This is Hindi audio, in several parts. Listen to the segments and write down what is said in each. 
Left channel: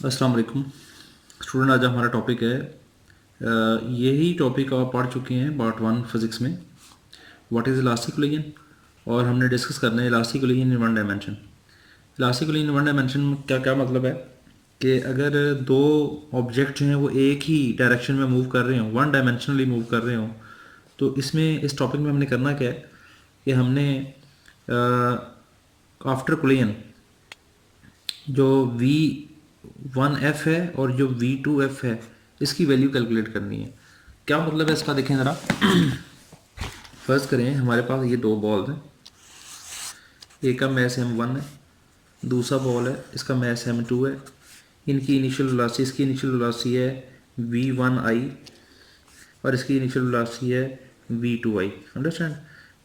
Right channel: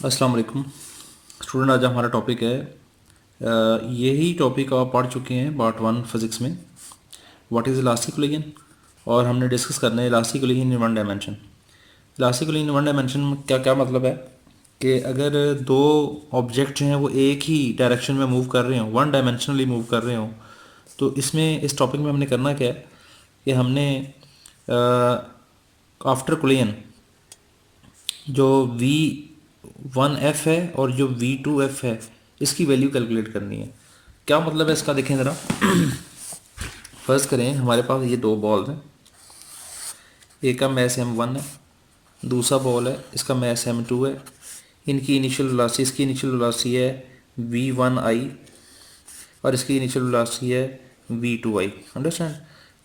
अस्सलाम वालेकुम स्टूडेंट। आज हमारा टॉपिक है यही टॉपिक आप पढ़ चुके हैं पार्ट 1 फिज़िक्स में, व्हाट इज़ इलास्टिक कोलिजन। और हमने डिस्कस करना है elastic collision in one dimension. Elastic collision in one dimension में क्या क्या मतलब है कि अगर दो ऑब्जेक्ट जो हैं वो एक ही डायरेक्शन में मूव कर रहे हों, वन डायमेंशनली मूव कर रहे हों, तो इसमें इस टॉपिक में हमने करना क्या है कि हमने आफ्टर कोलिजन जो V1F है और जो V2F है इसकी वैल्यू कैलकुलेट करनी है। क्या मतलब है इसका, देखें ज़रा। फर्स्ट करें, हमारे पास ये दो बॉल्स हैं, एक का मैस M1 है, दूसरा बॉल है इसका मैस M2 है। इनकी इनिशियल वेलोसिटी, इसकी इनिशियल वेलोसिटी है V1I और इसकी इनिशियल वेलोसिटी है V2I। अंडरस्टैंड,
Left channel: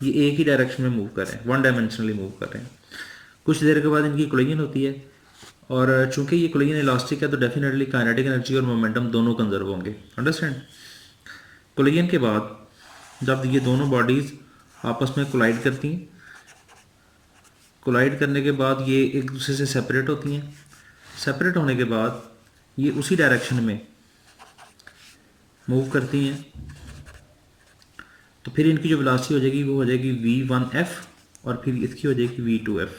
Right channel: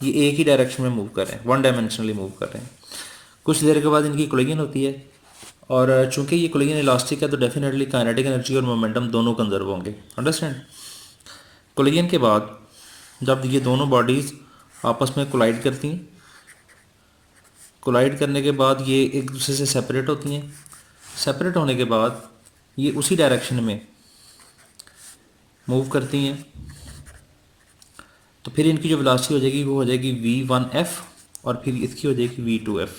ये एक ही डायरेक्शन में मूव कर रहे हैं, वन डायमेंशनली मूव कर रहे हैं। कुछ देर के बाद इनकी कोलिजन होती है और चूंकि ये कोलिजन इलास्टिक है तो डेफिनेटली काइनेटिक एनर्जी और मोमेंटम दोनों कंजर्व होंगे। अंडरस्टैंड, कोलिजन के बाद जब ये दोनों बॉडीज़ आपस में कोलाइड करती हैं, कोलाइड करने के बाद ये एक दूसरे से सेपरेट होती हैं। सेपरेट होने के बाद ये उसी डायरेक्शन में मूव करती हैं, तो फिर इनकी जो वेलोसिटी हो जाएगी वो हो जाएगी V1F और फिर इसकी हो जाएगी V2F।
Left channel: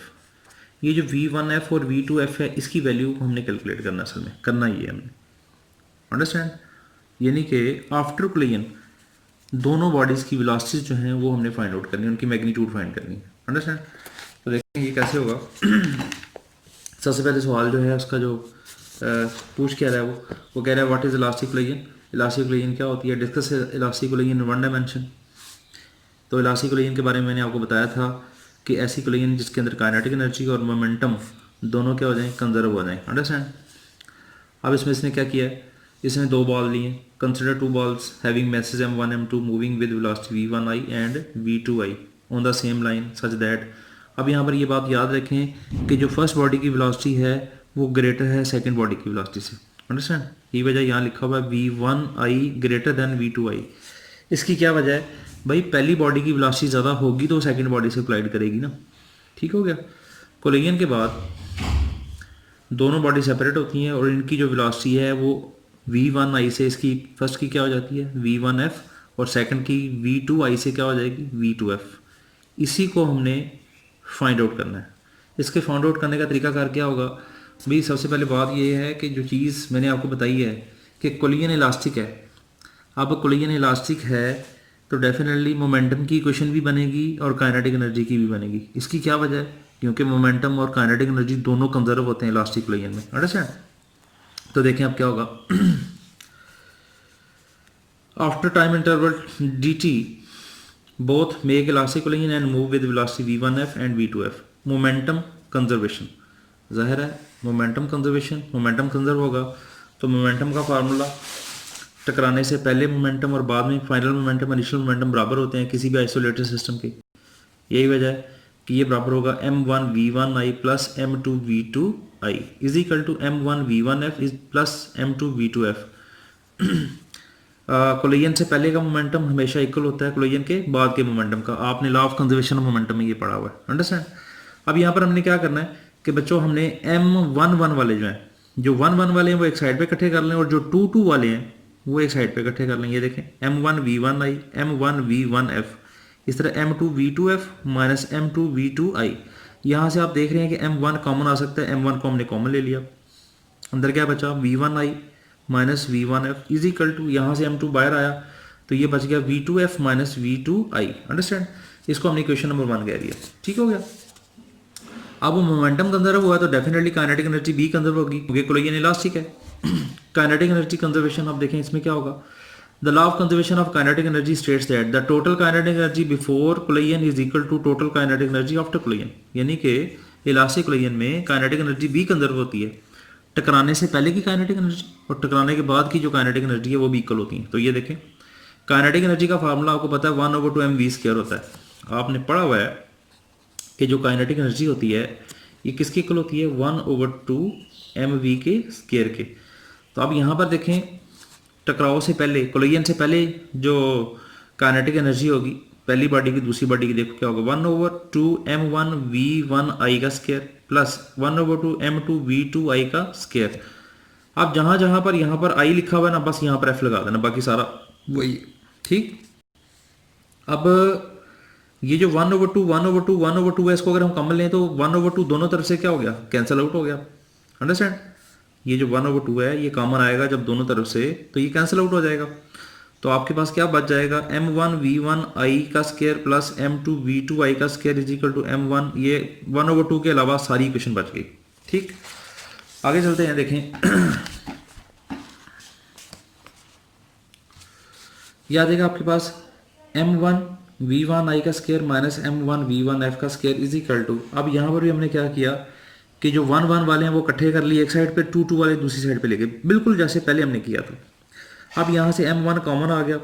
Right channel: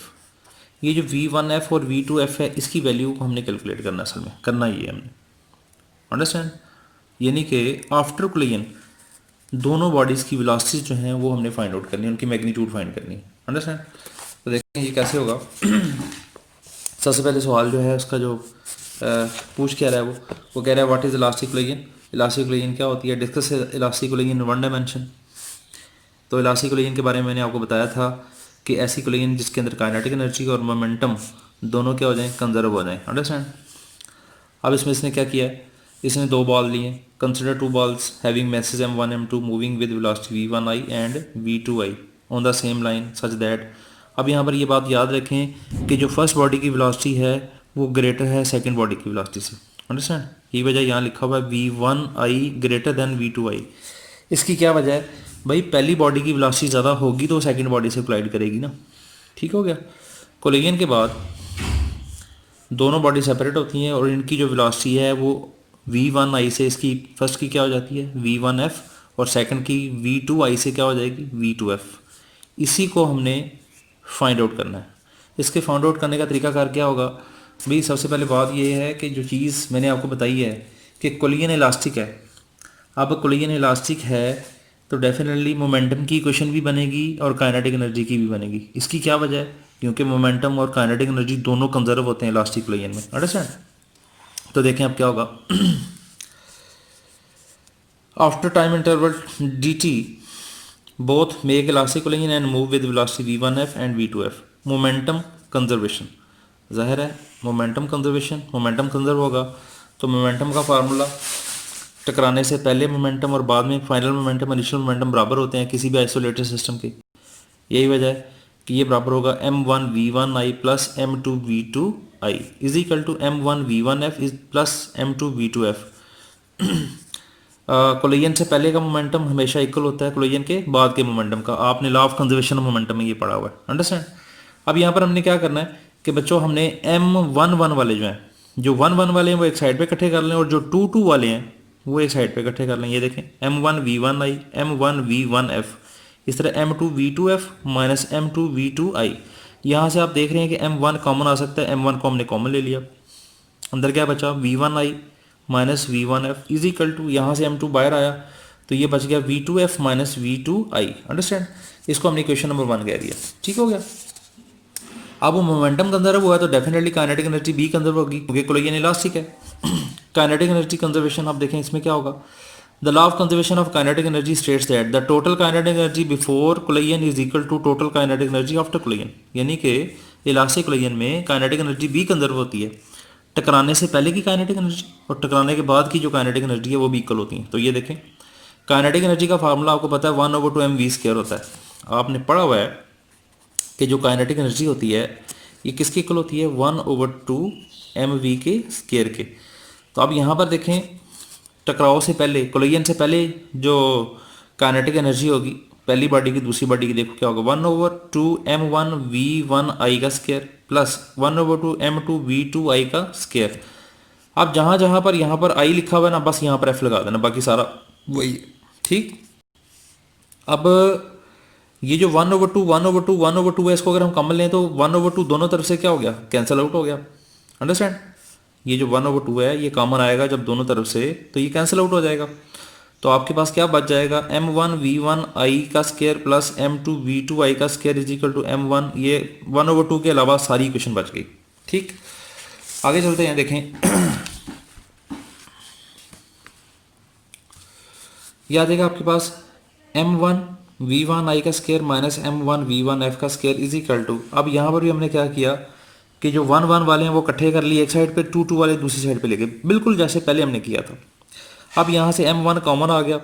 ये जो V1F और V2F है इसकी वैल्यू को हमने कैलकुलेट करना, असल में करना ही है हमने। अंडरस्टैंड, यानी कि आफ्टर कोलिजन दोनों बॉडीज़ की वेलोसिटीज जो हैं वो हमने फाइंड आउट करनी है, उनकी मैग्नीट्यूड फाइंड करनी है। अंडरस्टैंड, तो देखें ये कैसे होगा। सबसे पहले सवाल जो है उसका जो पूछ क्या रहा है वो कह रहा है what is elastic collision. Elastic collision क्या होती है, discuss elastic collision in one dimension. तो इलास्टिक कोलिजन के बारे में मैंने आपको बताया था कि ऐसी कोलिजन जिसके अंदर काइनेटिक एनर्जी और मोमेंटम दोनों क्या हो जाएं, कंजर्व हो जाएं। अंडरस्टैंड, अब इसमें इसने क्या किया है, इसने दो बॉल लिए। Consider two balls having message M1 M2 moving with velocity V1I and V2I on the same line such that. अब यहाँ पर ये बात याद रखें कि जो फर्स्ट बॉडी की वेलोसिटी है वो ग्रेटर है सेकंड बॉडी की वेलोसिटी से। अंडरस्टैंड, ये वजह यहाँ लिखा हुआ है V1I ग्रेटर देन V2I। इसकी क्या वजह है भाई, पहली बॉडी की वेलोसिटी ज़्यादा होगी तो सेकंड बॉडी से कोलाइड करेगी ना। ठीक हो गया। कोलिजन के बाद दोनों बॉडी सेपरेट होती हैं और इनकी जो वेलोसिटी है वो V1I से, इसकी फर्स्ट की क्या हो जाती है V1F और सेकंड की V2I से क्या हो जाएगी V2F। इसी को हमने फाइंड आउट करना है। इसके फाइंड आउट करने का तरीकाकार क्या होगा भाई, सबसे पहले बात ये है कि जो चीज़ मैंने आपको बताई है कि कोलिजन इलास्टिक है। अब कोलिजन इलास्टिक है तो डेफिनेटली मोमेंटम की इक्वेशन भी बनेगी और काइनेटिक एनर्जी की भी बनेगी। इसकी क्या वजह है, क्योंकि मोमेंटम और काइनेटिक एनर्जी दोनों कंजर्व होते हैं इलास्टिक कोलिजन में। अंडरस्टैंड, तो देखें अब क्या होगा। After time interval dt both make elastic collision and move with velocity V1F and V2F। Momentum conservation, जाहिर है मोमेंटम कंजर्वेशन, मोमेंटम कंजर्व होगा तो मोमेंटम का फार्मूला टकराने से पहले मोमेंटम और बाद में फाइनल मोमेंटम, इनिशियल मोमेंटम बराबर होते हैं किसी भी आइसोलेटेड सिस्टम के। यही वजह है कि ये बराबर होगा M1V1I plus M2V2I is equal to M1V1F is plus M2V2F। Collision से पहले का मोमेंटम हमेशा इक्वल होता है कोलिजन के बाद के मोमेंटम का। आपने law of conservation of momentum में ये पढ़ा हुआ है। अंडरस्टैंड, अब यहाँ पर हमने क्या करना है कि बच्चों हमने M11 वाले जो हैं, जो 1 1 वाले हैं वो एक साइड पे इकट्ठे कर लें और जो 2 2 वाले हैं वो एक साइड पे इकट्ठे कर लें। ये देखें M1V1I M1V1F, इस तरह M2V2F माइनस M2V2I। यहाँ से आप देख रहे हैं कि M1 कॉमन आ सकता है, M1 को हमने कॉमन ले लिया, अंदर क्या बचा V1I minus V1F is equal to, यहाँ से M2 बाहर आया तो ये बच गया V2F माइनस V2I। अंडरस्टैंड, इसको हमने इक्वेशन नंबर 1 कह दिया। ठीक हो गया। अब वो मोमेंटम कंजर्व हुआ तो डेफिनेटली काइनेटिक एनर्जी भी कंजर्व होगी क्योंकि कोलिजन इलास्टिक है। काइनेटिक एनर्जी कंजर्वेशन, आप देखें इसमें क्या होगा। The law of conservation of kinetic energy states that the total kinetic energy before collision is equal to total kinetic energy after collision. यानी कि इलास्टिक कोलिजन में काइनेटिक एनर्जी भी कंजर्व होती है, टकराने से पहले की काइनेटिक एनर्जी और टकराने के बाद की जो काइनेटिक एनर्जी है वो भी इक्वल होती है। तो ये देखें काइनेटिक एनर्जी का फार्मूला आपको पता है 1/2mv² होता है। आपने पढ़ा हुआ है कि जो काइनेटिक एनर्जी होती है ये किसकी इक्वल होती है 1/2mv के स्क्वायर के। तो अब यहाँ पर देखें टकराव से पहले, कोलिजन से पहले जो काइनेटिक एनर्जी होगी पहली बॉडी की दूसरी बॉडी की, देखो क्या होगा 1/2m1v1I का स्क्वायर प्लस 1/2m2v2I का स्क्वायर। अब जहाँ जहाँ पर यहाँ पर आई लिखा हुआ है ना, बस यहाँ पर एफ लगा देना, बाकी सारा वही। ठीक, अब ये जो 1/2 1/2 1/2 है, इसको अगर हम कॉमन लें तो 1/2 दोनों तरफ से क्या हो गया, कैंसिल आउट हो गया। अंडरस्टैंड, ये जो 1/2 है ये कॉमन आएगा जब दोनों तरफ से, तो ये कैंसिल आउट हो जाएगा। तो आपके पास क्या बच जाएगा, m1v1i का स्क्वायर प्लस m2v2i का square is equal to m1, ये 1/2 के अलावा सारी इक्वेशन बच गई। ठीक, आगे चलते हैं, देखें ये आ जाएगा आपके पास m1v1i का स्क्वायर माइनस m1v1f का स्क्वायर इज इक्वल टू, अब यहाँ पर भी हमने क्या किया कि जो 1 1 वाले हैं वो इकट्ठे कर लिए एक साइड पे, 2 2 वाले दूसरी साइड पे लेके, बिल्कुल जैसे पहले हमने किया था। अब यहाँ से m1 कॉमन आ गया,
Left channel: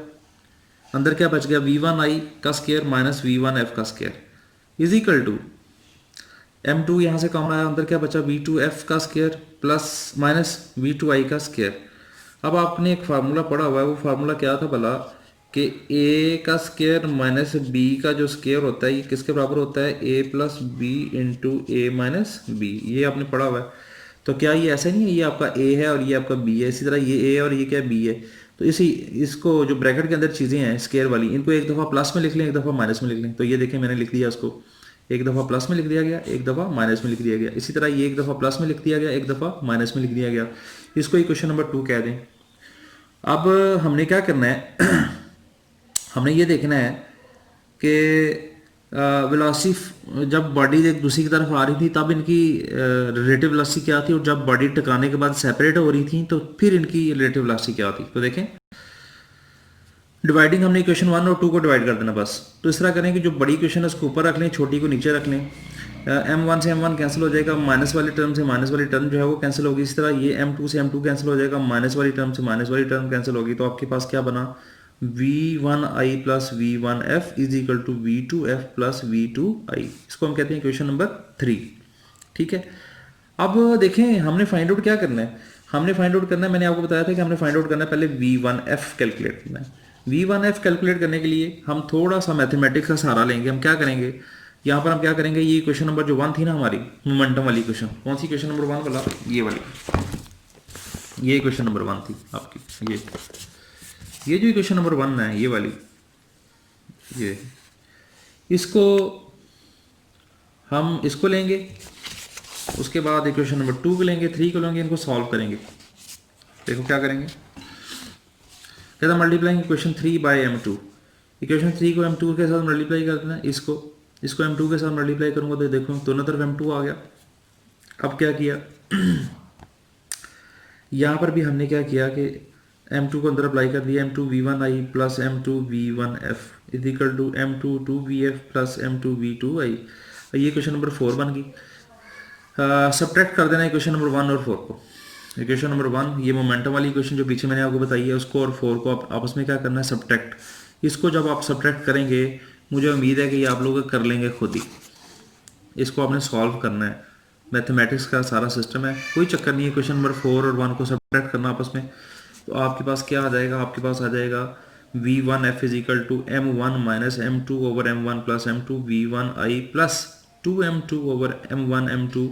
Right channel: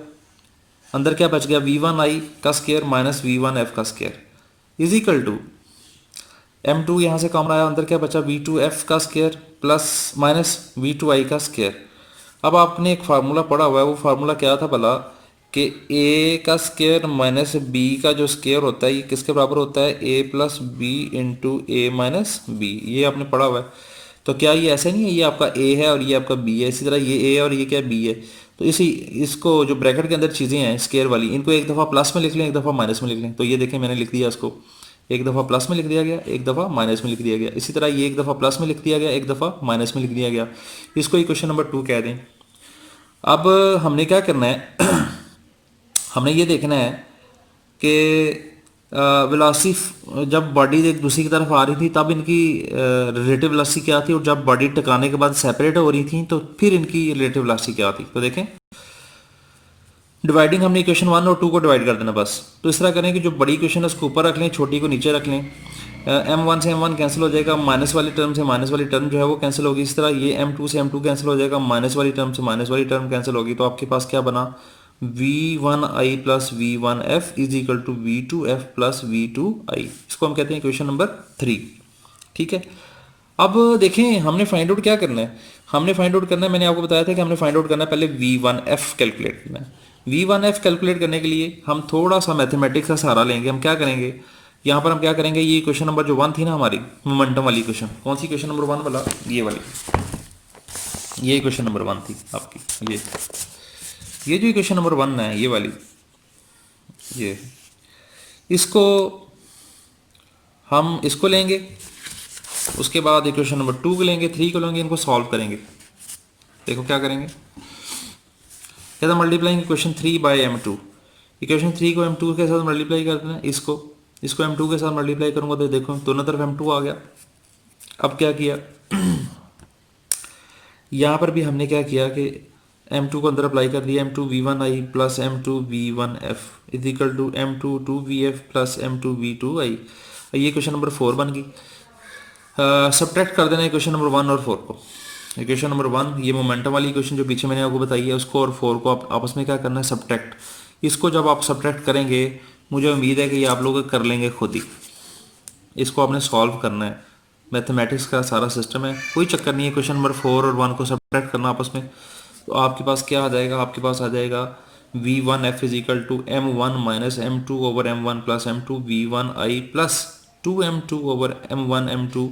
अंदर क्या बच गया, v1i का स्क्वायर माइनस v1f का square is equal to m2 यहाँ से कॉमन आया, अंदर क्या बचा, v2f का स्क्वायर प्लस माइनस v2i का स्क्वायर। अब आपने एक फार्मूला पढ़ा हुआ है, वो फार्मूला क्या था भला, कि a का स्क्वायर माइनस b का जो स्क्वायर होता है ये किसके बराबर होता है, a plus B into A minus B, ये आपने पढ़ा हुआ है। तो क्या ये ऐसा नहीं है, ये आपका a है और ये आपका b है, इसी तरह ये a है और ये क्या b है। तो इसको जो ब्रैकेट के अंदर चीज़ें हैं स्क्वायर वाली, इनको एक दफ़ा प्लस में लिख लें, एक दफ़ा माइनस में लिख लें। तो ये देखें मैंने लिख दिया, इसको एक दफ़ा प्लस में लिख दिया गया, एक दफ़ा माइनस में लिख दिया गया। इसी तरह ये एक दफ़ा प्लस में लिख दिया गया, एक दफ़ा माइनस में लिख दिया गया। इसको इक्वेशन नंबर 2 कह दें। अब हमने क्या करना है हमने ये देखना है कि वेलोसिटी जब बॉडी एक दूसरी की तरफ आ रही थी तब इनकी रिलेटिव वेलोसिटी क्या थी, और जब बॉडी टकराने के बाद सेपरेट हो रही थी तो फिर इनकी रिलेटिव वेलोसिटी क्या थी। तो देखें, डिवाइडिंग हमने इक्वेशन 1 और 2 को डिवाइड कर देना बस। तो इस तरह करें कि जो बड़ी इक्वेशन है उसको ऊपर रख लें, छोटी को नीचे रख लें। m1 से m1 कैंसिल हो जाएगा, माइनस वाली टर्म से माइनस वाली टर्म जो है वो कैंसिल होगी। इस तरह ये m2 से m2 कैंसिल हो जाएगा, माइनस वाली टर्म से माइनस वाली टर्म कैंसिल होगी। तो आपके पास क्या बना, v1i plus v1f is equal to v2f plus v2i। इसको हम कहते हैं इक्वेशन नंबर 3। ठीक है, अब देखें हमने फाइंड आउट क्या करना है, हमने फाइंड आउट करना है, मैंने आपको बताया था कि हमने फाइंड आउट करना है पहले v1f कैलकुलेट करना है। v1f कैलकुलेट करने के लिए हम थोड़ा सा मैथमेटिक्स का सहारा लेंगे। हम क्या करेंगे, यहाँ पर हम क्या करेंगे, ये इक्वेशन नंबर जो 1 थी ना हमारी मोमेंटम वाली इक्वेशन, कौन सी इक्वेशन नंबर 1 वाला, ये वाली, ये इक्वेशन नंबर 1 थी आपकी, ये जो इक्वेशन नंबर 1 है ये वाली, ये इसको हम इसको लेंगे, उसके बाद इक्वेशन नंबर 2 को लेंगे, 3 को लेंगे, इनको सॉल्व करेंगे। देखो क्या करेंगे, कहता multiplying equation 3 bye m2, equation 3 को m2 के साथ मल्टीप्लाई कर देना, इसको m2 के साथ मल्टीप्लाई करूंगा तो देखो दोनों तरफ m2 आ गया। अब क्या किया यहाँ पर भी हमने क्या किया कि m2 को अंदर अप्लाई कर दिया, m2 v1i plus m2 v1f is equal to m2 2vf plus m2 v2i। ये क्वेश्चन नंबर 4 बन गई। सब्ट्रैक्ट कर देना इक्वेशन नंबर 1 और 4 को। इक्वेशन नंबर 1 ये मोमेंटम वाली इक्वेशन जो पीछे मैंने आपको बताई है उसको, और 4 को आप आपस में क्या करना है, सब्ट्रैक्ट। इसको जब आप सब्ट्रैक्ट करेंगे मुझे उम्मीद है कि ये आप लोग कर लेंगे खुद ही। इसको आपने सॉल्व करना है, मैथमेटिक्स का सारा सिस्टम है, कोई चक्कर नहीं है। क्वेश्चन नंबर 4 और 1 को सब्ट्रैक्ट करना आपस में, तो आपके पास क्या आ जाएगा, आपके पास आ जाएगा v1f is equal to m1 minus m2 over m1 plus m2 v1i plus 2m2 over m1 m2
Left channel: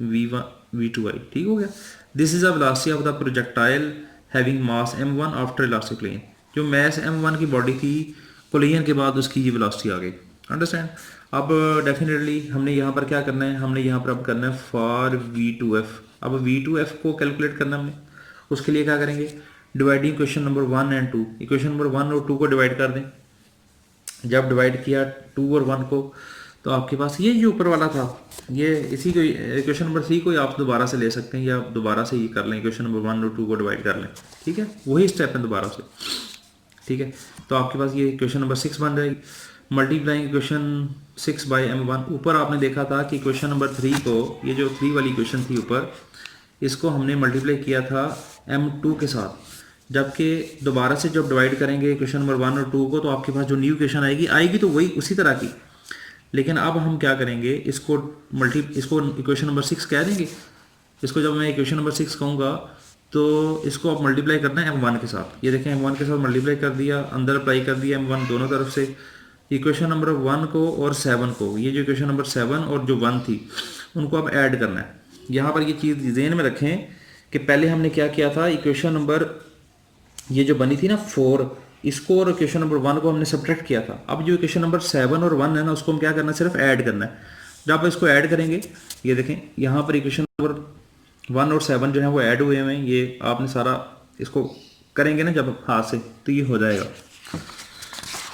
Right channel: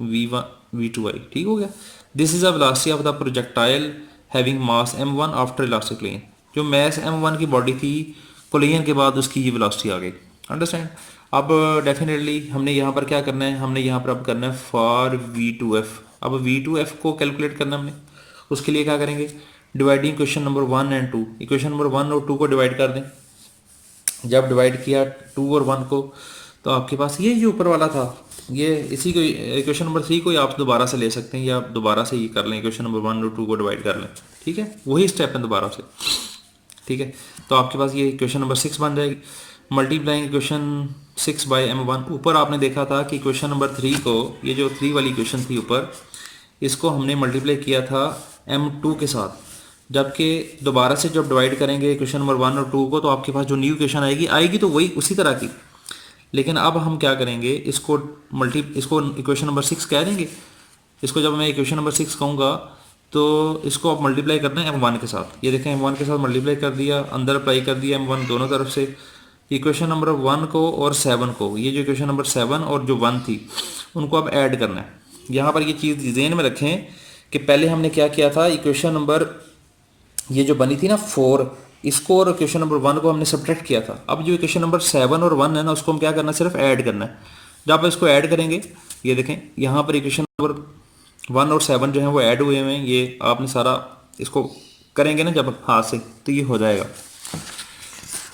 v2i। ठीक हो गया। This is a velocity of the projectile having mass m1 after elastic plane. जो मास m1 की बॉडी थी कोलिजन के बाद उसकी ये वेलोसिटी आ गई। अंडरस्टैंड। अब डेफिनेटली हमने यहाँ पर क्या करना है, हमने यहाँ पर अब करना है फॉर v2f। अब v2f को कैलकुलेट करना हमने, उसके लिए क्या करेंगे, dividing question number 1 and 2, equation number 1 और 2 को डिवाइड कर दें। जब डिवाइड किया 2 और 1 को तो आपके पास ये जो ऊपर वाला था, ये इसी को इक्वेशन नंबर 3 को आप दोबारा से ले सकते हैं, या आप दोबारा से ही कर लें, इक्वेशन नंबर 1 और 2 को डिवाइड कर लें। ठीक है, वही स्टेप है दोबारा से। ठीक है, तो आपके पास ये इक्वेशन नंबर 6 बन जाएगी। Multiplying equation 6 by m1। ऊपर आपने देखा था कि इक्वेशन नंबर 3 को, ये जो 3 वाली इक्वेशन थी ऊपर, इसको हमने मल्टीप्लाई किया था m2 के साथ, जबकि दोबारा से जब डिवाइड करेंगे इक्वेशन नंबर 1 और 2 को तो आपके पास जो न्यू इक्वेशन आएगी तो वही उसी तरह की। लेकिन अब हम क्या करेंगे, इसको इक्वेशन नंबर 6 कह देंगे। इसको जब मैं इक्वेशन नंबर 6 कहूँगा तो इसको आप मल्टीप्लाई करना है m1 के साथ। ये देखें m1 के साथ मल्टीप्लाई कर दिया, अंदर अप्लाई कर दिया m1 दोनों तरफ से। इक्वेशन नंबर 1 को और 7 को, ये जो इक्वेशन नंबर 7 और जो 1 थी उनको अब ऐड करना है। यहाँ पर ये चीज़ ज़हन में रखें कि पहले हमने क्या किया था, इक्वेशन नंबर ये जो बनी थी ना 4, इसको और इक्वेशन नंबर 1 को हमने सब्ट्रैक्ट किया था। अब जो इक्वेशन नंबर 7 और 1 है ना, उसको हम क्या करना है, सिर्फ ऐड करना है। जब आप इसको ऐड करेंगे, ये देखें यहाँ पर इक्वेशन नंबर 1 और 7 जो है वो ऐड हुए हुए हैं। ये आपने सारा इसको करेंगे ना जब हाथ से, तो ये हो जाएगा।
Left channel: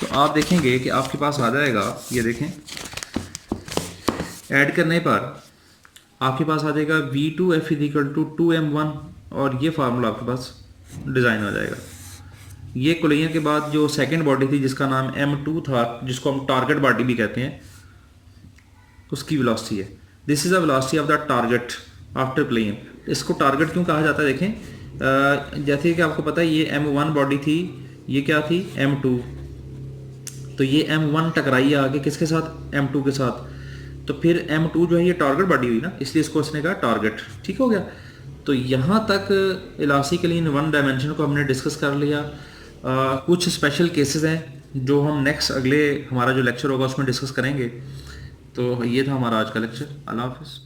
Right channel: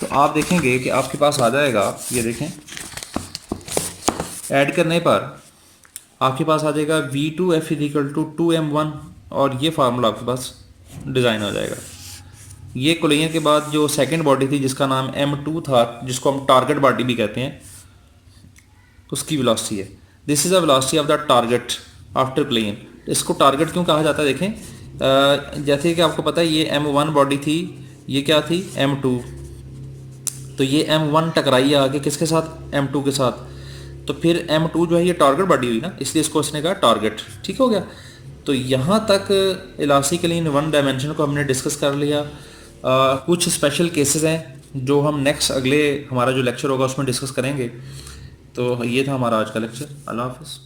तो आप देखेंगे कि आपके पास आ जाएगा, ये देखें ऐड करने पर आपके पास आ जाएगा V2F इजिकल टू 2m1, और ये फार्मूला आपके पास डिज़ाइन हो जाएगा। ये कोलिजन के बाद जो सेकंड बॉडी थी जिसका नाम M2 था, जिसको हम टारगेट बॉडी भी कहते हैं, उसकी वेलोसिटी है। This is a velocity of the target after collision. इसको टारगेट क्यों कहा जाता है, देखें जैसे कि आपको पता है ये M1 बॉडी थी, ये क्या थी M2, तो ये M1 टकराई आगे किसके साथ, M2 के साथ, तो फिर M2 जो है ये टारगेट बॉडी हुई ना, इसलिए इसको इसने कहा टारगेट। ठीक हो गया। तो यहाँ तक इलास्टिकली इन वन डायमेंशन को हमने डिस्कस कर लिया। कुछ स्पेशल केसेस हैं जो हम नेक्स्ट अगले हमारा जो लेक्चर होगा उसमें डिस्कस करेंगे। तो ये था हमारा आज का लेक्चर। अल्लाह हाफिज़।